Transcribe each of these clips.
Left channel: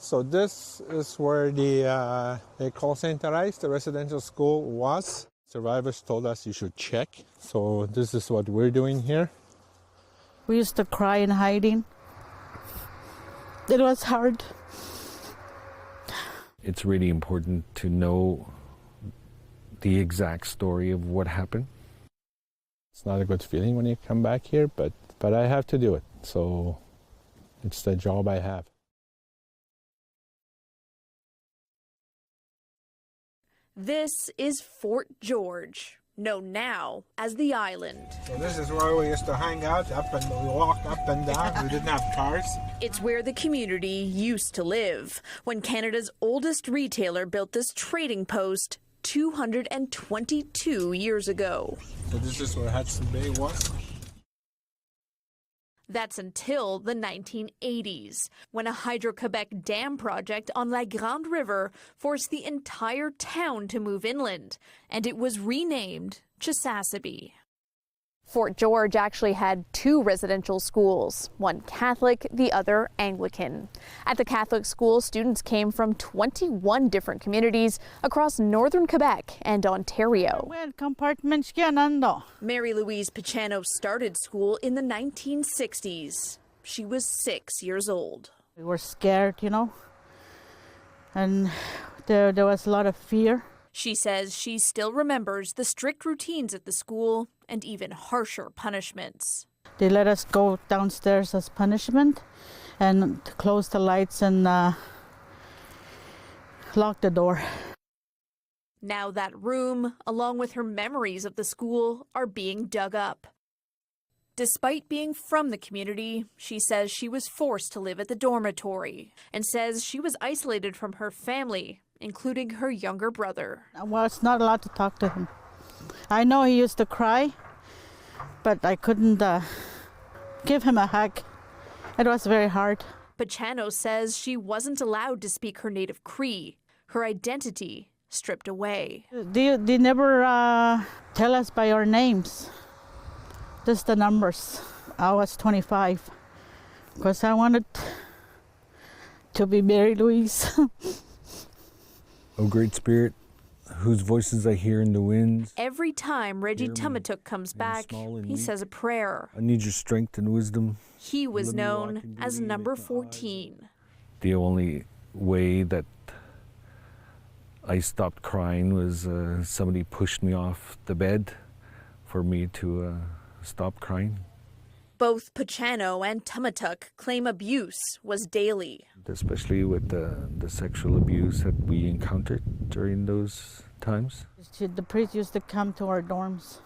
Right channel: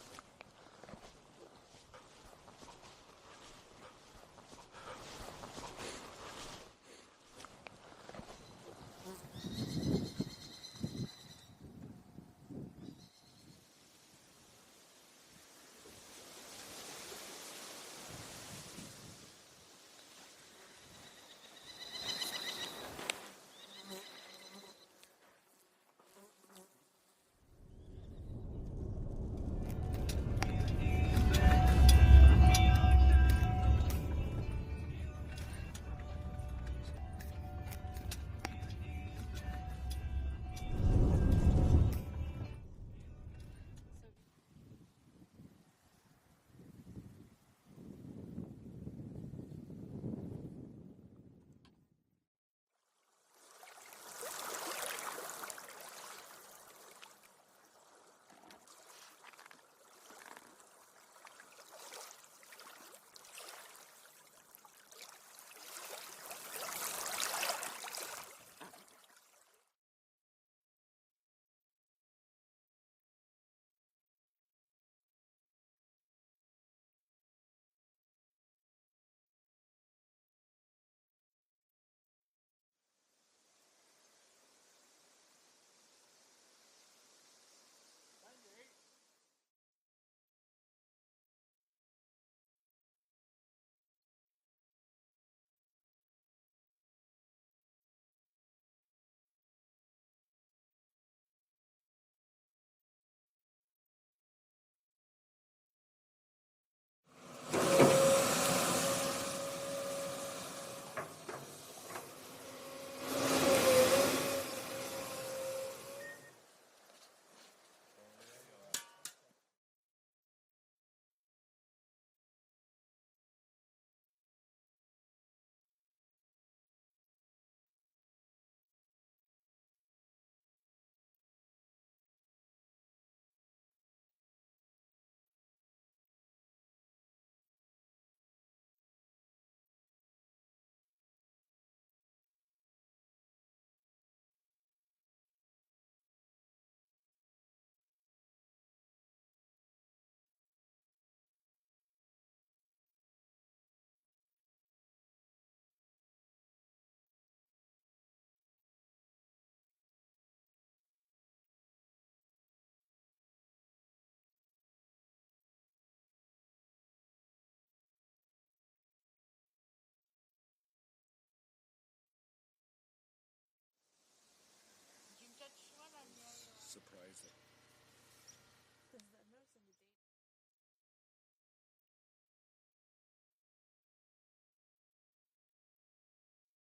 So this is where the call center, the residential school was. Survivors told us you should check. So this is what we're doing here. We used to cry in hiding. It was hard. It's really important to know the exact story of what happened. It's not a good feeling when you come back here, but I have to do it. So it's the job I have. This is Fort George, known now as the island. So this is where we used to hang out, we walked up and down. We didn't have cars. It's where the community used to live when Canada's oldest retailer built this trading post 222 years ago. So this is where Hudson Bay was. That's until the 1980s, when a Hydro-Quebec dam project on La Grande River forced the entire town to move inland, and it was renamed Chisasibi. Fort George actually had two residential schools, one Catholic, the other Anglican. At the Catholic school, students came from 21 different communities across northern Quebec and Ontario. Mary Louise Pachano started in the 1960s. She was 6 years old. We were scared, and there was a lot of fear. She says she still remembers the strict routines at the school and even harsher punishments. They let us go downstairs as punishment and to close the lights and lock the door. Now that room, along with her memories of the school, are being dug up. Despite being from the community, she says she was forced to live at the dormitory and says she was isolated from her family, including her younger brother. I was not allowed to talk to him. I know he used to cry, but I couldn't give him a hug. It was very hard. Pachano says she wasn't allowed to speak her native Cree, her identity stripped away. They never tell us by our names, just the numbers. I was 25 because I wanted to be Mary Louise. O great spirit, whose voices I hear in the winds. Every time Reggie Tumatuk comes back, he says a prayer. I need your strength and wisdom. He was known as number 14. The only way that I stopped crying was somebody pushed me off the bed for me to stop crying. Both Pachano and Tumatuk claim abuse was daily. Especially with the sexual abuse that we encountered during those times. The priest used to come to our dorms,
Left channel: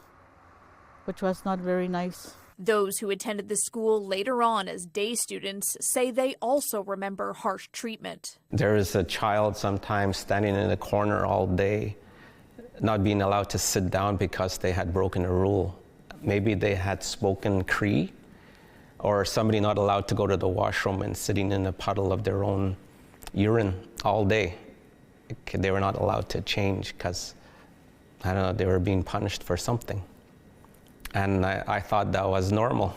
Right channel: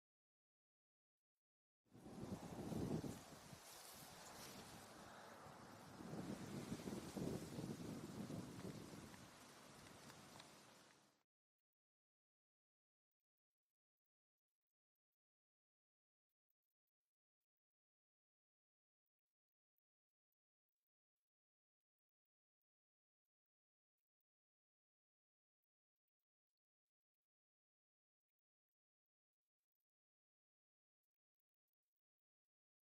which was not very nice. Those who attended the school later on as day students say they also remember harsh treatment. There is a child sometimes standing in a corner all day, not being allowed to sit down because they had broken a rule. Maybe they had spoken Cree, or somebody not allowed to go to the washroom and sitting in a puddle of their own urine all day. They were not allowed to change because, I don't know, they were being punished for something. And I thought that was normal.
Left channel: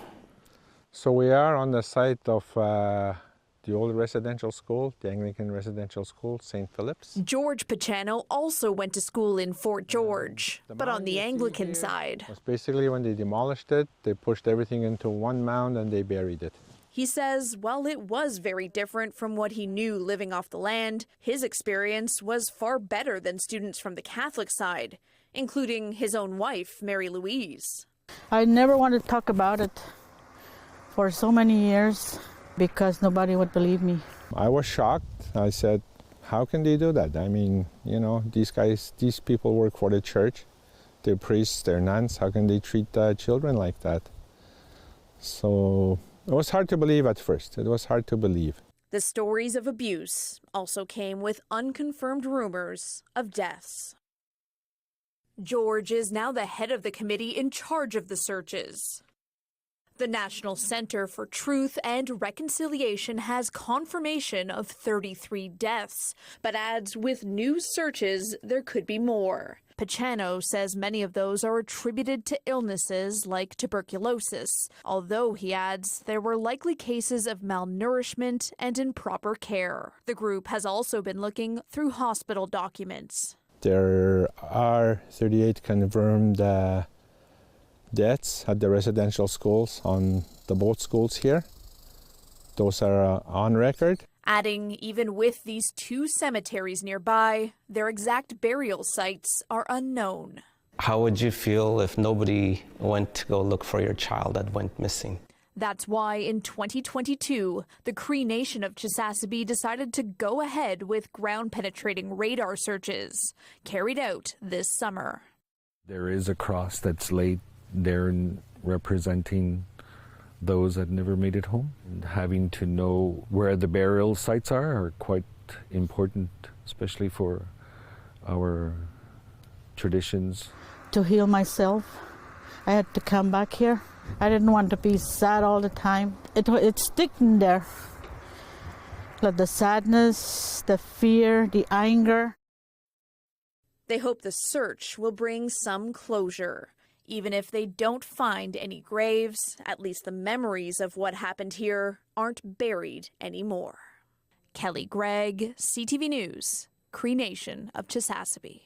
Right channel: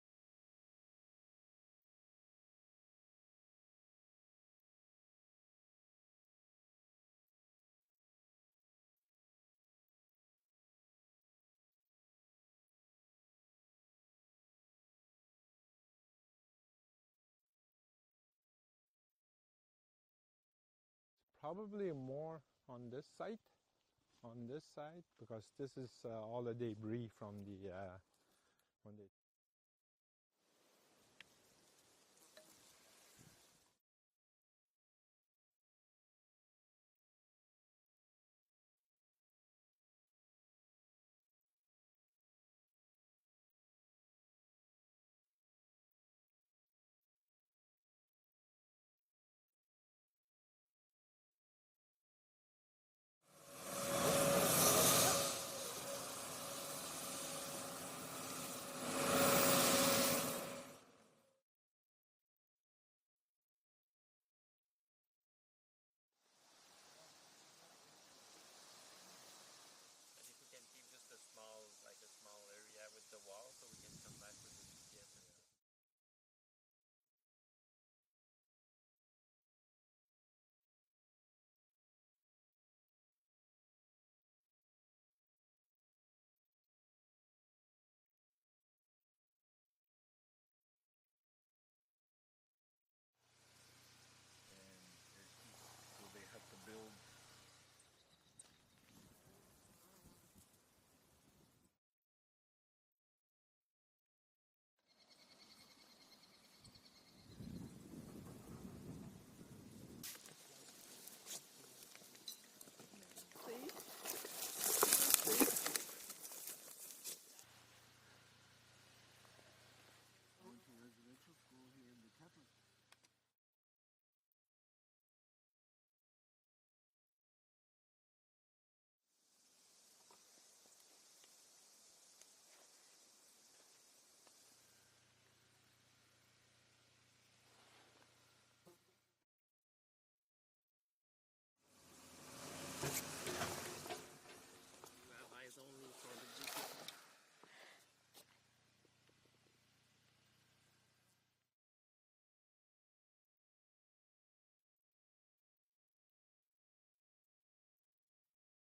So we are on the site of the old residential school, the Anglican residential school, St. Philip's. George Pachano also went to school in Fort George, but on the Anglican side. Was basically when they demolished it, they pushed everything into one mound and they buried it. He says while it was very different from what he knew living off the land, his experience was far better than students from the Catholic side, including his own wife, Mary Louise. I never wanted to talk about it for so many years because nobody would believe me. I was shocked. I said, how can they do that? I mean, these people work for the church. They're priests, they're nuns. How can they treat children like that? So it was hard to believe at first. It was hard to believe. The stories of abuse also came with unconfirmed rumors of deaths. George is now the head of the committee in charge of the searches. The National Center for Truth and Reconciliation has confirmation of 33 deaths, but adds with new searches there could be more. Pachano says many of those are attributed to illnesses like tuberculosis, although he adds there were likely cases of malnourishment and improper care. The group has also been looking through hospital documents. There are 38 confirmed deaths at the residential schools on the both schools here. Those are on record. Adding, even with these two cemeteries nearby, their exact burial sites are unknown. How would you feel if nobody went to go look for your child that went missing? That's why in 2022, the Cree Nation of Chisasibi decided to go ahead with ground-penetrating radar searches, carried out this summer. There is a cross that's laid there representing those that never made it home. And having to know where the burial sites are quite important, especially for our traditions. To heal myself, I had to come back here. I didn't want to be sad all the time. It's sticking there. Like the sadness, the fear, the anger. They hope the search will bring some closure. Even if they don't find any graves, at least the memories of what happened here aren't buried anymore. Kelly Gregg, CTV News, Cree Nation of Chisasibi.